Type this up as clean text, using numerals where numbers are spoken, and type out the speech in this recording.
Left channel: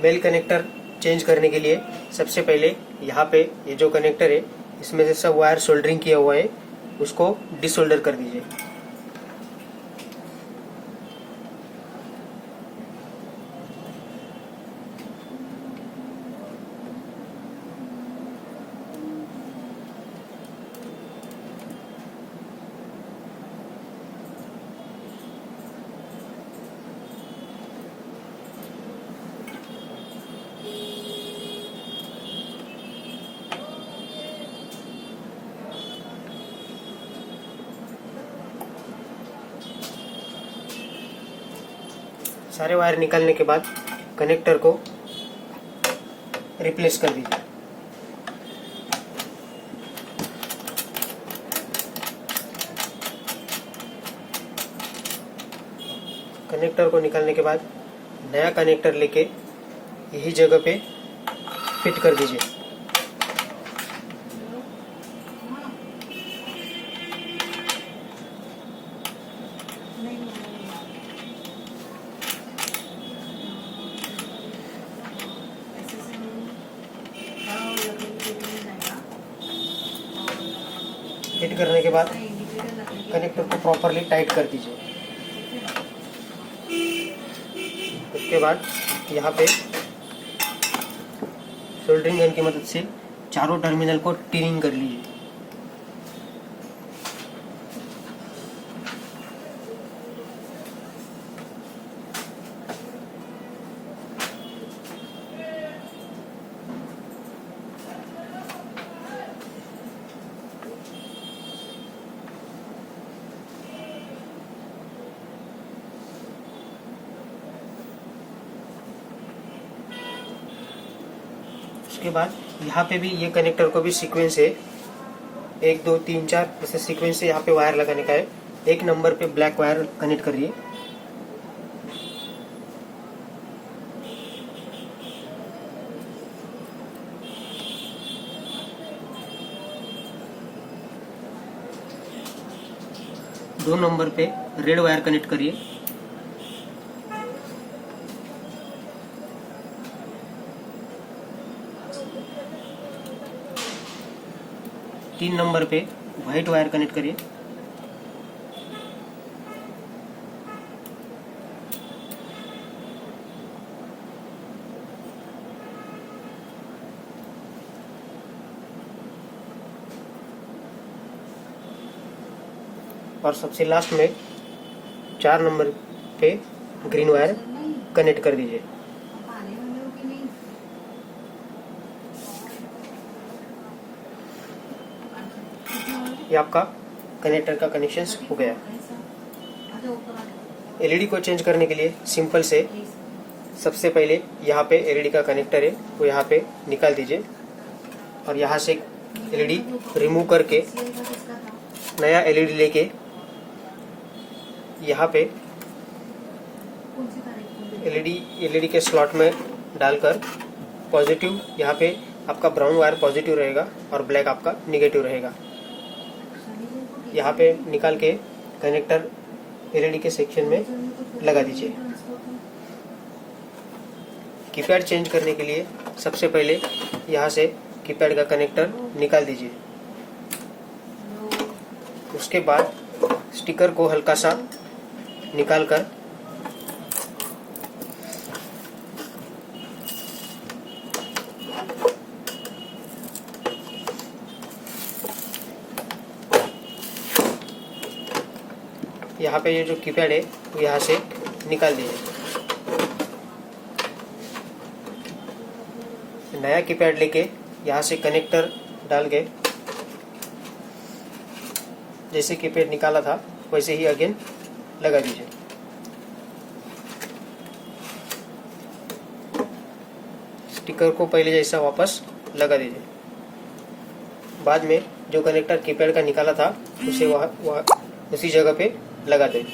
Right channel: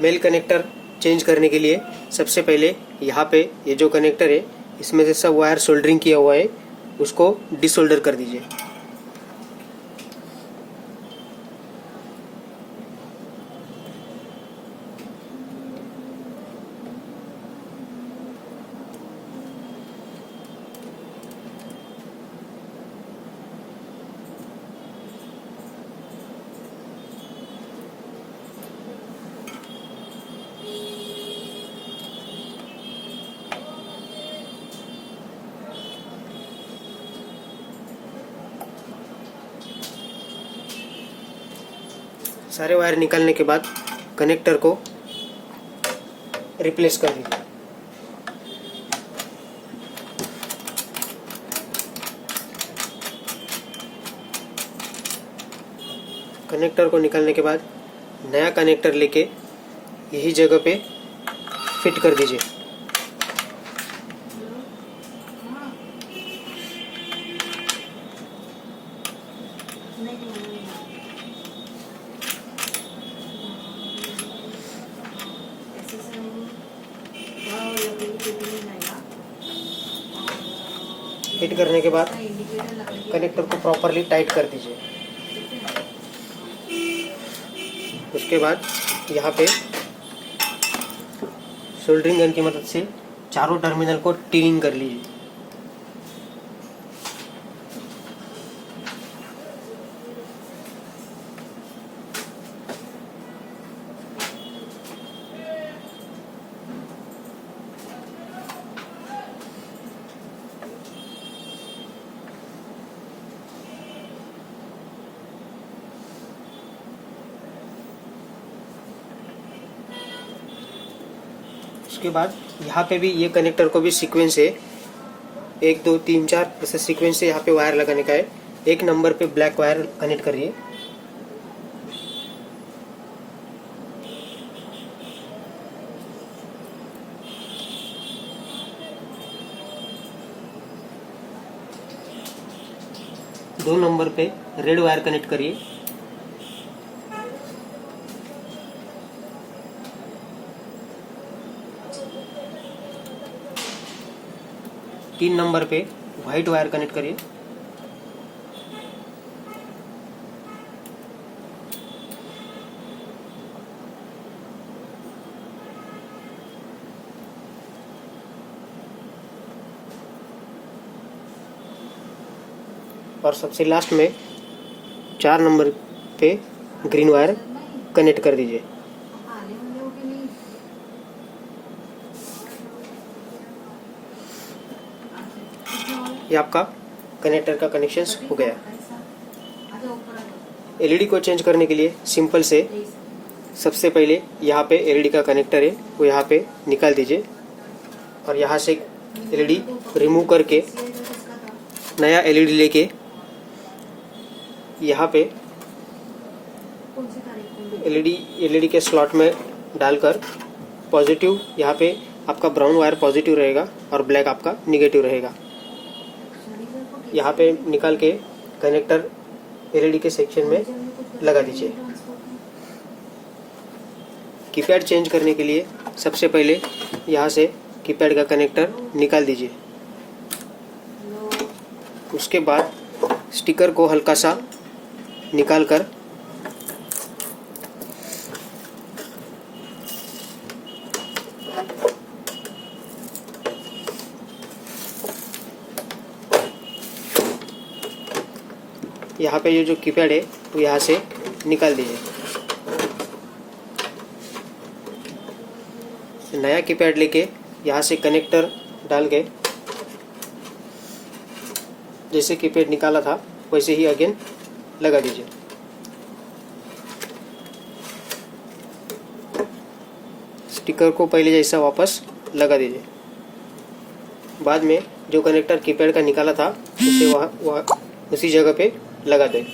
Mail connector change करने के लिए सबसे पहले यहाँ पे ये जो कनेक्टर है इसमें से सब वायर सोल्डरिंग किया हुआ है, उसको डिसोल्डर कर दीजिए। सारे वायर निकालने के बाद कनेक्टर को रिप्लेस कर दीजिए। कनेक्टर को निकालने के बाद नया कनेक्टर लेके यही जगह पे फिट कर दीजिए। फिट करने के बाद कनेक्टर को प्रॉपरली टाइट कर दीजिए। उसके बाद यहाँ पे सोल्डरिंग गन की मदद से चारों टर्मिनल को टीनिंग कर लीजिए। उसके बाद यहाँ पे भी ये कनेक्टर को भी सीक्वेंस है, 1 2 3 4 ऐसे सीक्वेंस से यहाँ पे वायर लगाने का है। एक नंबर पे ब्लैक वायर कनेक्ट करिए। दो नंबर पे रेड वायर कनेक्ट करिए। तीन नंबर पे व्हाइट वायर कनेक्ट करिए। और सबसे लास्ट में 4 नंबर पे ग्रीन वायर कनेक्ट कर दीजिए। ये आपका कनेक्टर का कनेक्शन हो गया। एलईडी को चेंज करने के लिए सिंपल से सबसे पहले यहाँ पे एलईडी का कनेक्टर है वो यहाँ पे निकाल दीजिए और यहाँ से एलईडी रिमूव करके नया एलईडी लेके यहाँ पे एलईडी के स्लॉट में डालकर पॉजिटिव, यहाँ पे आपका ब्राउन वायर पॉजिटिव रहेगा और ब्लैक आपका निगेटिव रहेगा। यहाँ पे निकाल के कनेक्टर एलईडी के सेक्शन में लगा दीजिए। कीपैड चेंज करने के लिए सबसे पहले यहाँ से कीपैड का कनेक्टर निकाल दीजिए। उसके बाद स्टिकर को हल्का सा निकालकर यहाँ पे ये जो कीपैड है वो यहाँ से निकाल दीजिए। नया कीपैड लेके यहाँ से कनेक्टर डाल के जैसे कीपैड निकाला था वैसे ही अगेन लगा दीजिए। स्टिकर को पहले जैसा वापस लगा दीजिए। बाद में जो कनेक्टर कीपैड का निकाला था उसे वह उसी जगह पे लगा दें।